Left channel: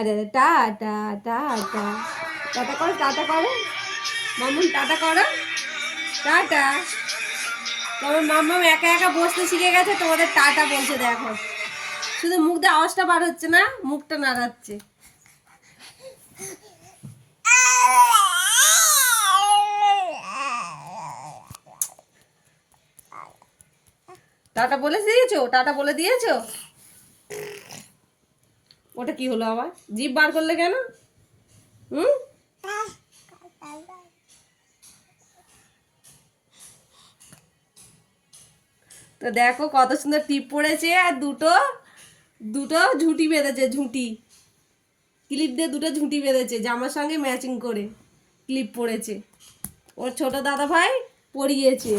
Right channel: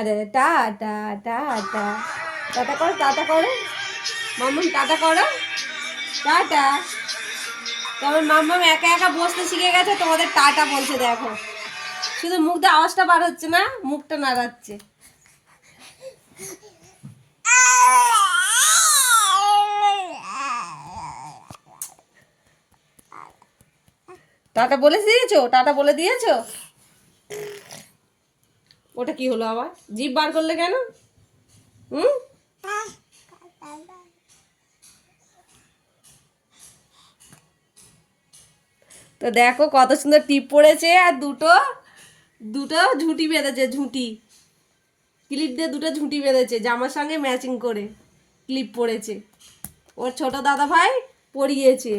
আরে আরে tata tata, tata করো, টাটা করো মাম্মাম, টাটা করো, টাটা। তবে মাম্মাম একা একা বসতে শিখে গেছে, তোমাদের টাটা বলছে দেখো, শুধু মুখ দিয়ে আওয়াজটা বার হচ্ছে না, মুখটা নাড়াচ্ছে। টাটা বলে দিয়েছো, টাটা বলে দিয়েছো। ওটা কি হলো আবার, জিভ বার করলে কেন? হুম, তো দেখো কত সুন্দর টিপ পড়েছে, আর দুটো দুটো ঝুঁটি বেঁধেছে, ঝুঁটি ক্লিপ দিয়ে দুটো ঝুঁটি বেঁধেছে, জামার সঙ্গে ম্যাচিং করে ক্লিপ পড়েছে। ওর ছোট দাদা ভাই পরিয়েছে।